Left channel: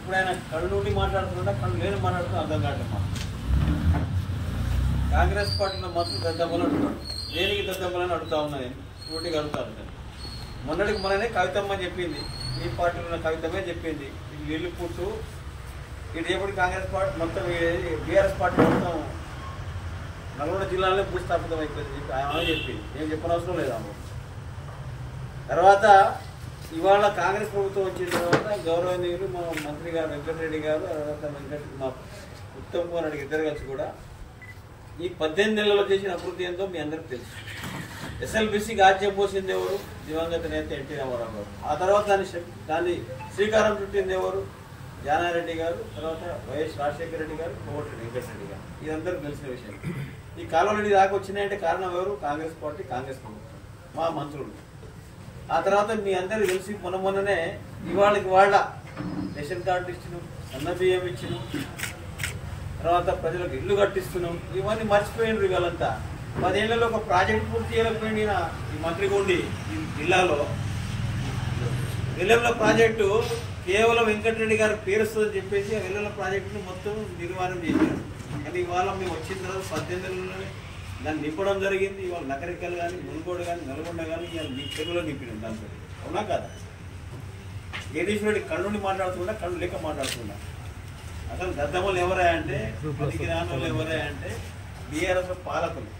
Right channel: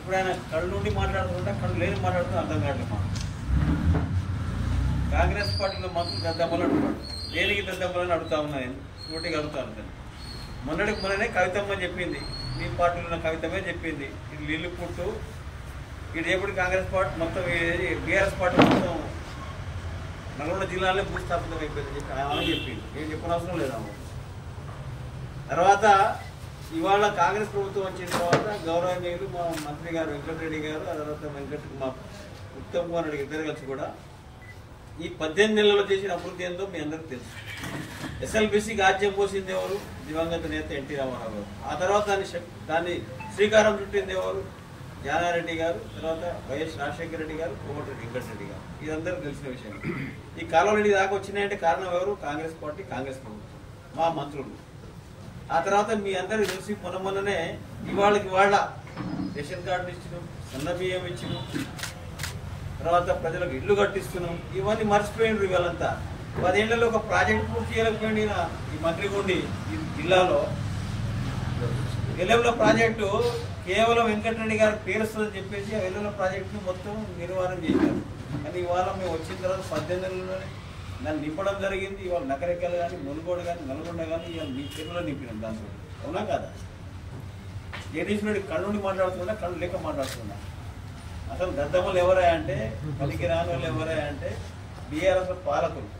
ఇప్పుడు ఆయన కళ్ళుండి మాట్లాడుతుంటే కళ్ళు లేని మాట్లాడుతున్నా అర్థం కావట్లేదు మా కాంగ్రెస్ పార్టీలో మాత్రం దద్దమ్మలు అంటున్నాడు. దేనికి దద్దమ్మలని అడుగుతా ఉన్నాయి, సూటిగా అడుగుతాను. మొన్ననే కవితమ్మ చెప్పింది, మీ పార్టీలో ఉన్న కవితమే చెప్పింది, ఇది నీళ్ళు పుట్టు ఇటు ఎప్పుడు కాంగ్రెస్ పార్టీ మొత్తం బీఆర్ఎస్ పార్టీ మొత్తం నల్గొండ జిల్లాలో భూస్థాపితం అయిపోయింది చెప్పి ఆమె చెప్పింది. నేను చెప్పనవసరం లేదు ఆమె. తర్వాత ఇవాళ కాంగ్రెస్ ప్రభుత్వం వచ్చిన తర్వాత గౌరవనీయులు మా మంత్రి గారు వెంకటరెడ్డి గారు, తర్వాత మా ఉత్తమ్ కుమార్ రెడ్డి ఇద్దరు కలిసి కూడా ఈ 18 నెలల్లో చేసిన అభివృద్ధి ఎంతో మీ అందరికి తెలుసు. ఎస్ఎల్బీసీకి ఆజ్యం పోసింది ఎవరు? దివంగత నేత ఎన్టీ రామారావు గారు. ఆ తర్వాత దాన్ని శ్రీకారం చుట్టింది ఎవరు? జానారెడ్డి గారు, తర్వాత వైఎస్ రాజశేఖర రెడ్డి గారు, కోమటిరెడ్డి వెంకటరెడ్డి గారు. ఇదందరికీ తెలిసిన విషయం. ఈ కాలువరెడ్డి దాకా వచ్చినాయంటే కారణం ఎవరు? కాంగ్రెస్ పార్టీ, కాంగ్రెస్ ప్రభుత్వం, మా మంత్రులు. ఆ తర్వాత మీ అందరికి తెలిసి మొన్ననే ఇవాళ రేషన్ కార్డులు ఇచ్చినాం, సన్న బియ్యం ఇచ్చినాం, తర్వాత ప్రజలకు ఇల్లు కట్టిస్తున్నాం. ఇవన్నీ మర్చిపోయినారు. ఇవాళంతా 10 ఏళ్లలో ఒక ప్రాజెక్ట్ పూర్తి చేయలేకపోయింది ఈ మంత్రిగుండి. ఈ జిల్లాలో వెల్లెల ప్రాజెక్టు కేవలం వెంకటరెడ్డి గారికి పేరుస్తుందని చెప్పేసి ఆ వెల్లెల ప్రాజెక్టును మొత్తం నిర్వహణ చేశారు. కానీ ఇవాళ మేము వచ్చిన తర్వాత 18 నెలల్లోనే దాన్ని నింపడం జరిగింది. ఇవాళ నకరికలు కానీ, మునుగోడు కానీ, నల్గొండ కానీ ఇవాళ చెరువులో నింపినాం. దాంట్లో అవునా కాదా? జగదీశ్వరుడి కళ్ళుండి మాట్లాడుతున్నా, కళ్ళు లేక మాట్లాడుతున్నా. అసలు దద్దమ్మలు ఎవరా అంటే, పనికి రాని వాళ్ళు ఎవరా అంటే బీఆర్ఎస్ పాలకులు.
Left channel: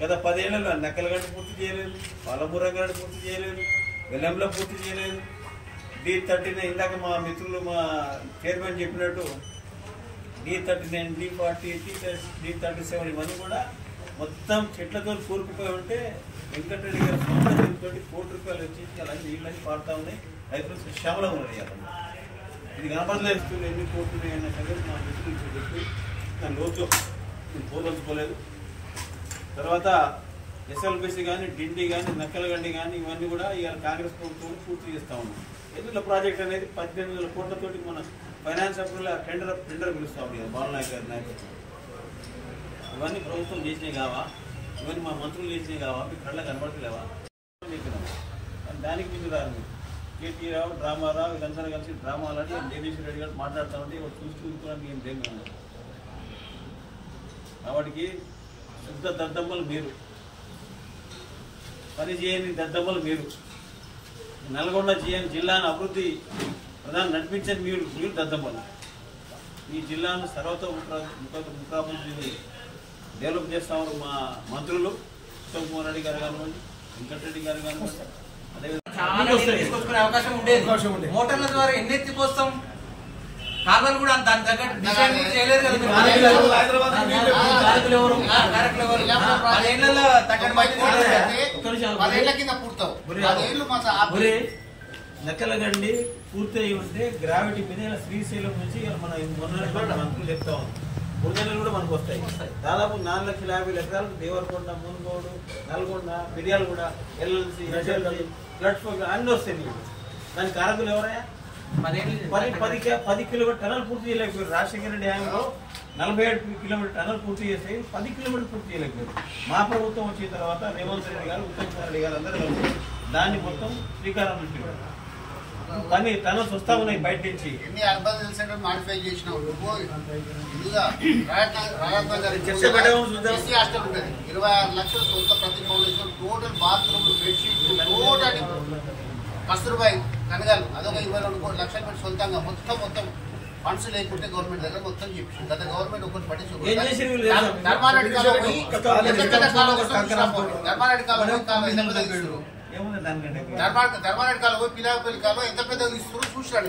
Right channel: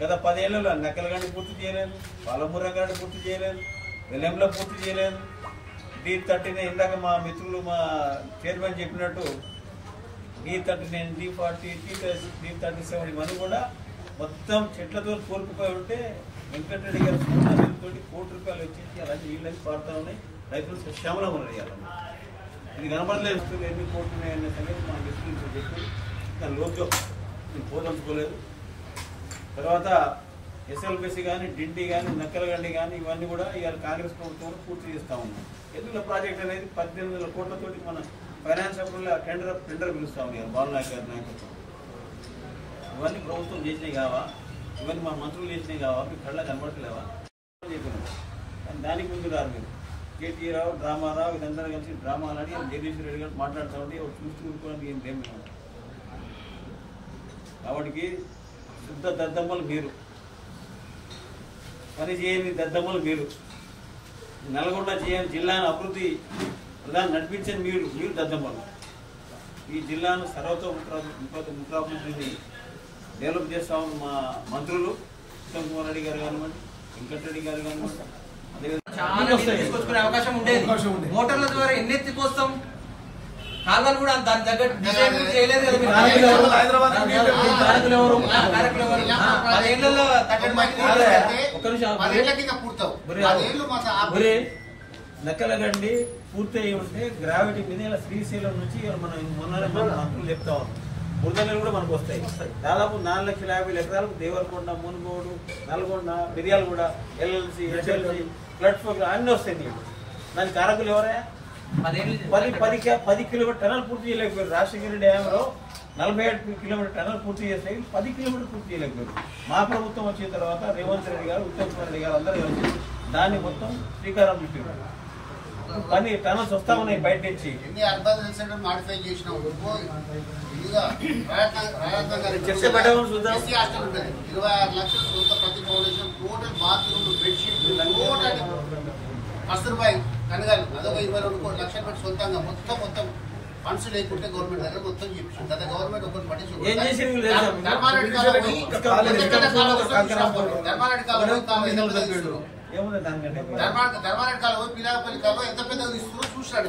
గత 10 ఏళ్లలో నక్కలగడ్డి పూర్తి చేయలేదు, పాలమూరంగడ్డి పూర్తి చేయలేదు, వెల్లెంలో పూర్తి చేయలేదు. D39 ఇందాక మా మిత్రులు మా చైర్మన్ చెప్పినట్టు D39, D40, D37 ఇవన్నీ కూడా మొత్తం చెట్లతో కోరుకుపోయి ఉంటే వెంకటరెడ్డి గారు దీంతో ₹1 కోటి వచ్చేసి అలాగే నీళ్ళని పాడుతూ ఉన్నాయి. రైతులు సశ్యామలం ఉన్నాయి. ఇది కనపడలేదు. ఎన్ని కోట్లు అనే సంగతి మా మిత్రులు చెప్పి దాని లోతులో నేను పోదలుచుకోలేదు. తర్వాత ఎస్ఎల్బీసీ కానీ, డిండి కానీ, నక్కలగండి కానీ ఇవన్నీ కూడా ఇవాళ కాంగ్రెస్ ప్రభుత్వం పూర్తి చేస్తూ ఉంది. ఎదుల ప్రాజెక్ట్ అనేది 18,000 కోట్లతోటి మన ఫైనాన్స్ అప్రూవల్ టెండర్ పిలుస్తూ ఉంది బాలనాయక్ గారి నాయకత్వం. ఇవన్నీ ప్రభుత్వం చేసినాయి కావా? ఇవన్నీ మా మంత్రులు చేసినాయి కావా? మీ కళ్ళ కనబడతలేవా చెప్పినాం. కానీ దానికి ముందు రారు మీరు. కేటీ రావు, డ్రామారావు వీళ్ళందరూ కలిసి డ్రామాలు ఆడి జగదీశ్వర రెడ్డి గారు మాట్లాడుతూ ఉంటే చూస్తూ ఊరుకోవడానికి ఏం లేము. కాబట్టి శుద్ధ దద్దమ్మలు మీరు, పని చేయని దద్దమ్మలు మీరు. నల్గొండ జిల్లాను అభివృద్ధి ప్రధాని నడిపించని మీరు దద్దమ్మలు. ఈ జిల్లాను ముఖాభివృద్ధిని డెవలప్ చేస్తా ఉన్నారు మా మంత్రులు ఉత్తమ్ కుమార్ రెడ్డి గారు కానివ్వండి, వెంకటరెడ్డి గారు కానివ్వండి. తీసుకొచ్చుకునే అవకాశం ఉండేది. మోటార్ల ద్వారా ఎన్ని ఎత్తిపోస్తాం? కాలువలు కూడా దాని తగ్గట్టు చేయలేదు. నక్కలగండి పూర్తి అయి ఉంటే గ్రావిటీ మీద శ్రీశైలం నుంచి మన మొన్ననే మన మంత్రులు చెప్తా ఉంది. బురదలు కూడా మనకు వస్తాయి. దాదాపు 4,50,000 ఎకరాలకు దేవరకొండ, మునుగోడు, నల్గొండ, మిర్యాలగూడ, ఎల్ఎల్సి, ఫ్లడ్ అన్నీ వస్తాయి నీళ్ళు. దానికి కారకులు ఎవరయ్యా? 10 కిలోమీటర్ టనల్ పూర్తి చేయలేకపోయారు. రాజశేఖర రెడ్డి హయాంలో 47 కిలోమీటర్ టనల్ పూర్తి చేస్తే 10 కిలోమీటర్ పూర్తి చేయలేకపోయారు. మా ప్రభుత్వం వచ్చిన తర్వాత రేవంత్ రెడ్డి గారు, ఉత్తమ్ కుమార్ రెడ్డి గారు అందరూ కలిసి దాన్ని మొత్తం శ్రీకారం చుట్టారు. పని టనల్స్ వస్తా ఉన్నాయి బయట నుంచి. ఎన్ని అర్బన్ సెంటర్ మాడిఫై చేసినాం. 26 లక్షల సొంత ప్రతి ఫౌండేషన్, టోటల్ బాత్రూమ్, బెడ్షీట్లు, టోటల్ కస్తూర్బాయ్ కనగాలు అదొక 22 లక్షలు పెట్టి సొంతంగా మొత్తం ఫండ్స్ లేకుంటే గవర్నమెంట్ దగ్గర మొత్తం చెప్పి గత గవర్నమెంట్ ఒకటి పట్టించుకోండి. ధర్మారెడ్డి కాలం పోయి పిలాపల్లి కాలం ఎంత పెద్దగా ఇస్తున్నారు చూసాడు.